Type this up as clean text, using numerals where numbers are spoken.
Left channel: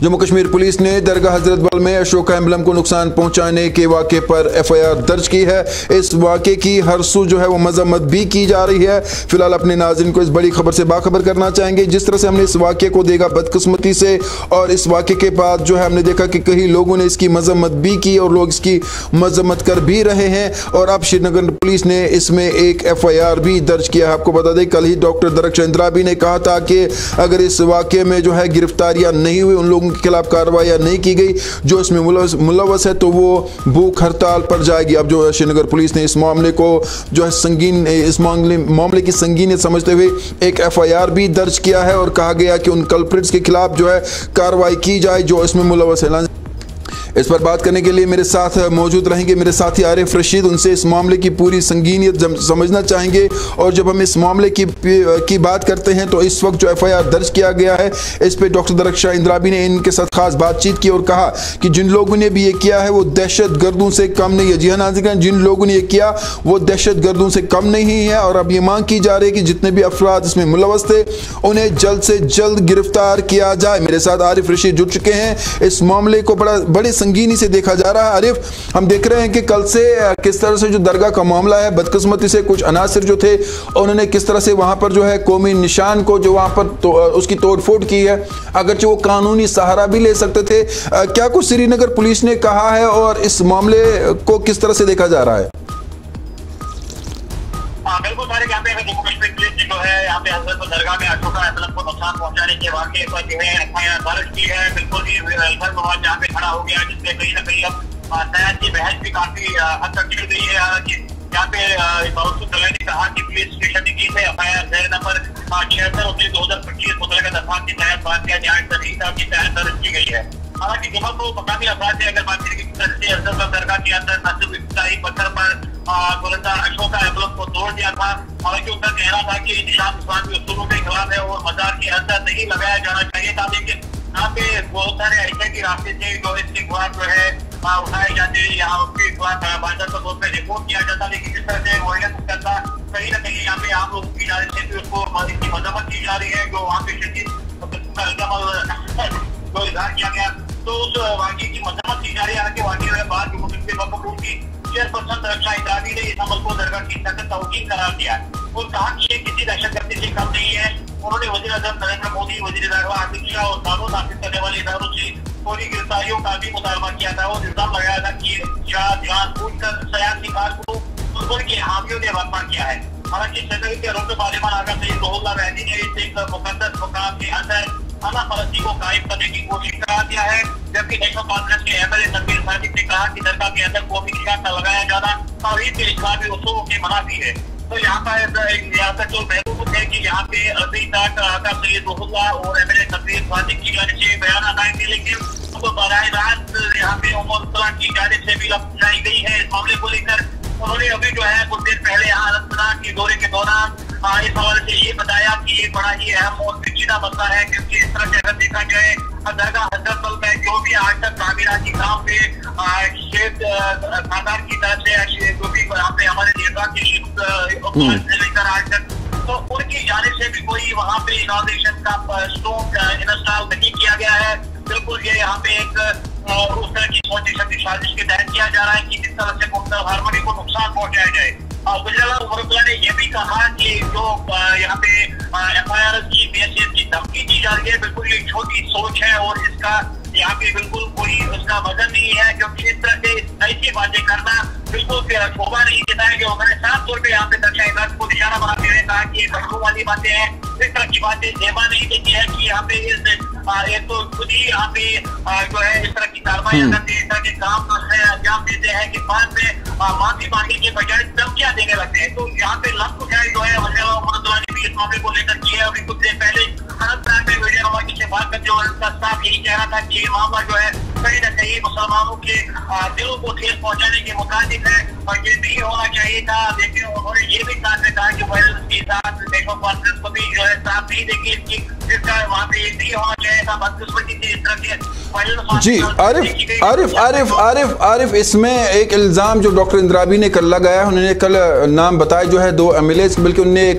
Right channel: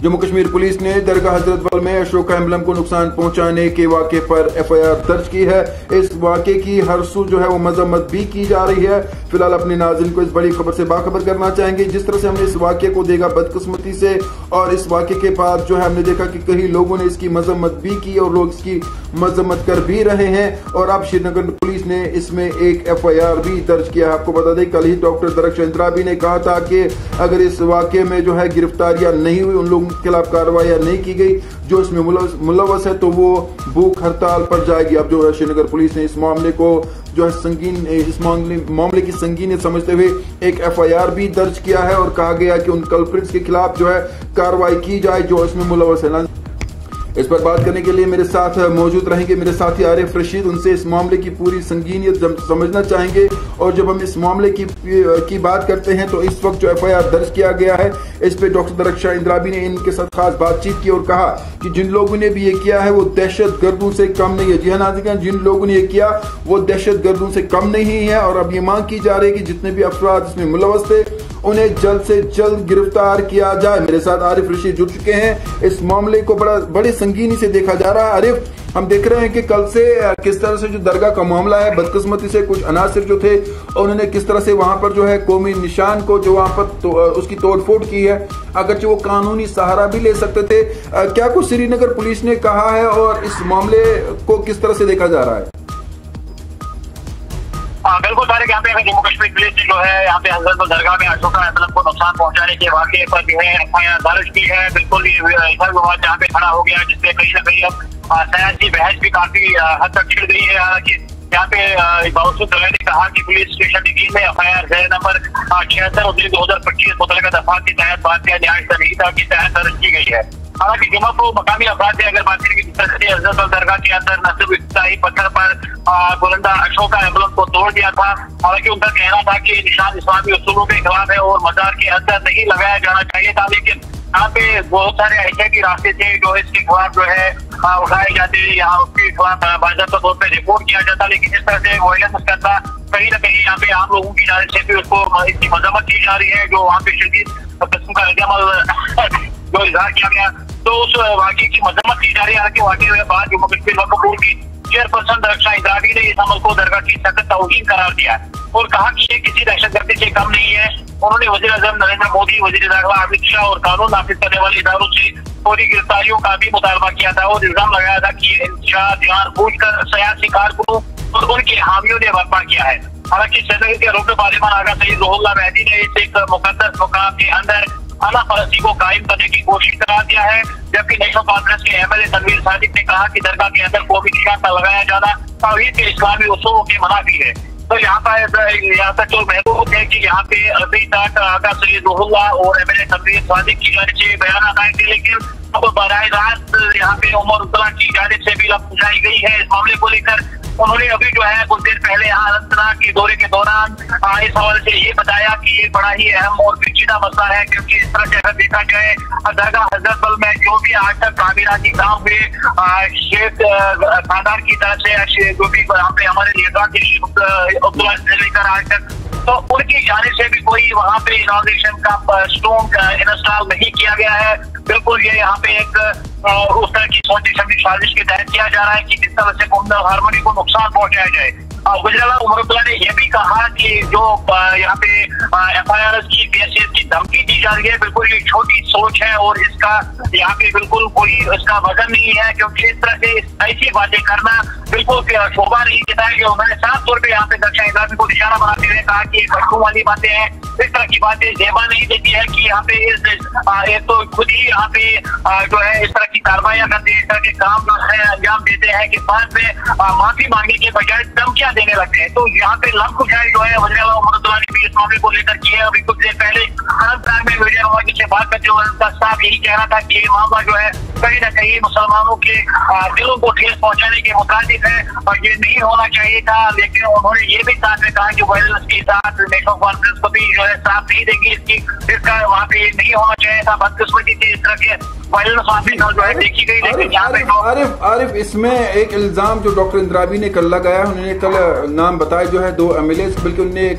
Jammu Kashmir police ने दरगाह हजरत बल में अशोका एम्बलम को नुकसान पहुंचाने के वाक़े पर FIR दर्ज की है। इस वाक़े की हर सू जो है वो मजम्मत भी की जा रही है। फिलहाल अपने नाज़रीन को इस बड़ी खबर से बाखबर करना चाहेंगे। जिस तरह से हमने इस वाक़े को देखा बदकिस्मती से, और इस वाक़े के बाद जो है हमने देखा कि कई लोगों ने इसकी मजम्मत भी की और लोग इसकी मजम्मत कर भी रहे हैं। और अब श्रीनगर पुलिस ने इसमें एक FIR भी दर्ज किया है। आपको बता दें कल ही डॉक्टर दरख्शां इंद्राबी ने कहा था कि अगर इस वाक़े में जो है गिरफ्तारियां नहीं हुई, उन लोगों के खिलाफ कार्रवाई नहीं की गई जो इसमें मुलव्वस है, तो वो भूख हड़ताल पर जाएगी। अब जो है श्रीनगर पुलिस ने इस मामले को जो है संगीन, इस मामले की संगीनियत समझते हुए एक FIR भी दर्ज किया है और कहा गया कि उन कल्प्रिट्स के खिलाफ जो है कार्रवाई की जाए जो इसमें मुलव्वस है। इस पर बात करने के लिए मेरे साथ मौजूद रहेंगे मेरे साथी आरिफ रशीद। उनसे इस मामले की पूरी संगीनियत समझना चाहेंगे। और जब हम इस मामले की बात करते हैं तो इस वक्त जो FIR दर्ज किया गया है इस पे डॉक्टर दरख्शां इंद्राबी ने इनके साथ खास बातचीत की और कहा कि जिन लोगों ने भी ये किया है वो दहशत गर्दों से कम नहीं है। जी हाँ नाज़रीन, जिन लोगों ने ये किया वो दहशत गर्दों से कम नहीं है। और अब ये मांग की जा रही है कि जितने भी अफराद इसमें मुलव्वस थे उन्हें जल्द से जल्द गिरफ्तार किया जाए। मेरे साथ आरिफ रशीद जुड़ चुके हैं। इस मामले को बड़े संगीनी से देखा जा रहा है। आरिफ, हम देख रहे हैं कि कल से किस तरह से जो दरगाह का मामला है, बदकिस्मती से कुछ अनासिर जो थे उन्होंने किस तरह से वहां पर जो है कौमी निशान को जो वहां पर उसकी तोड़फोड़ की है, अगरचे वो कानूनी सहारा भी ले सकते थे। क्या कुछ श्रीनगर पुलिस ने कहा है और इस मामले को किस तरह से देखा जा रहा है? बिल्कुल तारिक, यहाँ पे जम्मू कश्मीर पुलिस ने जो है यहाँ पे हजरत दरगाह में अशोका एम्बलम को नुकसान पहुंचाने के वाक़े पर जो है FIR दर्ज की है। बिल्कुल ये इधर विवाद यहाँ पे खड़ा हो गया जिससे कहीं ना कहीं अब सयान की बहस भी काफी हद तक छिड़ गई है। हालांकि यहाँ पे बावजूद ने कहा कि पुलिस स्टेशन की टीम में FIR नंबर 76/2025 मुतल्लिका दफा के तहत भारतीय न्याय संहिता के तहत दर्ज की गई है। हालांकि जमा को मकामी अफराद से अगर बात करें कि हजरत दरगाह के अंदर न सिर्फ इफ्तिताही पत्थर पर बुलंदा अशोका एम्बलम को तोड़ दिया था, हालांकि उनका कहना था कि निशान इस्लामी उसूलों के खिलाफ है और मजार के अंदर नहीं लगाया जाना चाहिए था। लेकिन यहाँ पे बहुत सारे ऐसे भी रास्ते थे जो इसके खिलाफ जो है उठाए जाते, यहाँ उसके खिलाफ बाज़ाब्ता तौर पर रिपोर्ट किया जाता। लेकिन इस तरह से वायलेंस करता कहीं ना कहीं यहाँ पे आम लोगों की जानिब से भी उसको इसकी मजम्मत की जा रही है, जो वहाँ पे शदीद किस्म का रद्द-ए-अमल जो इजहार किया गया तो उस वाक़े की मजम्मत की जा रही है। हालांकि वाक़े के बाद जम्मू कश्मीर वक्फ बोर्ड की चेयरपर्सन दरख्शां इंद्राबी ने इस अमल को दरगाह की सख्त तौहीन करार दिया और कहा कि ये किसी दहशतगर्दी से कम नहीं है। उन्होंने वज़ीर आज़म नरेंद्र मोदी, वज़ीर दाखिला अमित शाह और कानून नाफिज करने वाले इदारों से फौरी गिरफ्तारियों का भी मुतालबा किया था और इल्जाम लगाया था कि जानबूझकर सियासी कारकुनों और उनके हामियों ने बर्पा किया है। हालांकि श्रीनगर के रुकन पार्लियामान आगा सईद रुहुल्लाह मेहदी ने इस एक मुकद्दस मुकाम के अंदर आला फरसी को कायम करने की कोशिश करा दिया है, जबकि नेशनल कॉन्फ्रेंस के MLA तनवीर सादिक ने कहा कि दरगाह के अंदर कौमी निशान का लगाया जाना तौहीद के इस्लामी उसूलों के मनाफी है। तो यहाँ तक जो महबूब है कि यहाँ पे अभी तक आगा सईद रुहुल्लाह और MLA तनवीर सादिक की जानिब से बयान आए थे, लेकिन अब बराह रास्त यहाँ पे उमर उतला की जानिब से भी पूछाई गई है इस मामले को लेकर। उन्होंने अभी जो है कुछ देर पहले अनंतनाग के दौरे के दौरान इस हवाले से ये बताया कि ये बड़ा ही अहम और पेचीदा मसला है, क्योंकि इस तरह से अगर देखा जाए दरगाह हजरत बल में जो भी आज तक तामीराती काम में शेख खानदान की तरफ से जो भी यहाँ पे हमारे नेता के लेकर आज तक तो उनकी जानिब से भी कोई वहाँ पे इनॉग्रेशन का स्टोन इंस्टॉल नहीं किया गया है। बिल्कुल ये यहाँ पे एक उस तरह की सोची समझी साजिश के तहत किया जा रहा है कि जिस तरह से कौमी हारमोनी को नुकसान पहुंचाया जाए। गुजरात उमर ने यह भी कहा कि जो यहाँ पे FIR की BSS की धमकी दी जा रही है, बिल्कुल ये छोटी सोच है और इसका यहाँ पे बिल्कुल कोई इसका वजन नहीं है, क्योंकि इस तरह से ऐसी बातें करना बिल्कुल शोभा नहीं देता है। उन्होंने साफ तौर पर यहाँ पे दरख्शां इंद्राबी को निशाना बनाते हुए कहा कि मखलूम वाली बातें हैं, इस तरह की बातें जेबा नहीं देती है कि यहाँ पे एक तो खुद ही यहाँ पे जो है इस तरह की कार्रवाई करते हैं, इस तरह के काम जो है अंजाम देते हैं कि बाद में माफी मांगने के बजाय धमकियां देने लगते हैं। तो यहाँ पे लफ कुछ जो है वज़ीर ने भी इस मामले को लेकर किया। अभी कुछ देर पहले अनंतनाग में मीडिया से बात करते हुए उनका साफ यही कहना था कि ये मामला जो है कहीं ना कहीं मुसलमानों के दिलों को ठेस पहुंचाने के मुताबिक है और ये नहीं होना चाहिए था। लेकिन उन्होंने ये भी साथ में कहा कि वायलेंस के साथ नेशनल कॉन्फ्रेंस को भी जो है साथ नहीं देगी इसका वहाँ पे नहीं होना चाहिए था। बदकिस्मती से इस तरह के आरिफ, इसमें एक इल्जाम जो डॉक्टर इंद्राबी ने कल लगाया, उन्होंने कल नाम बताया जो है 2 MLA, बल्कि उन्होंने एक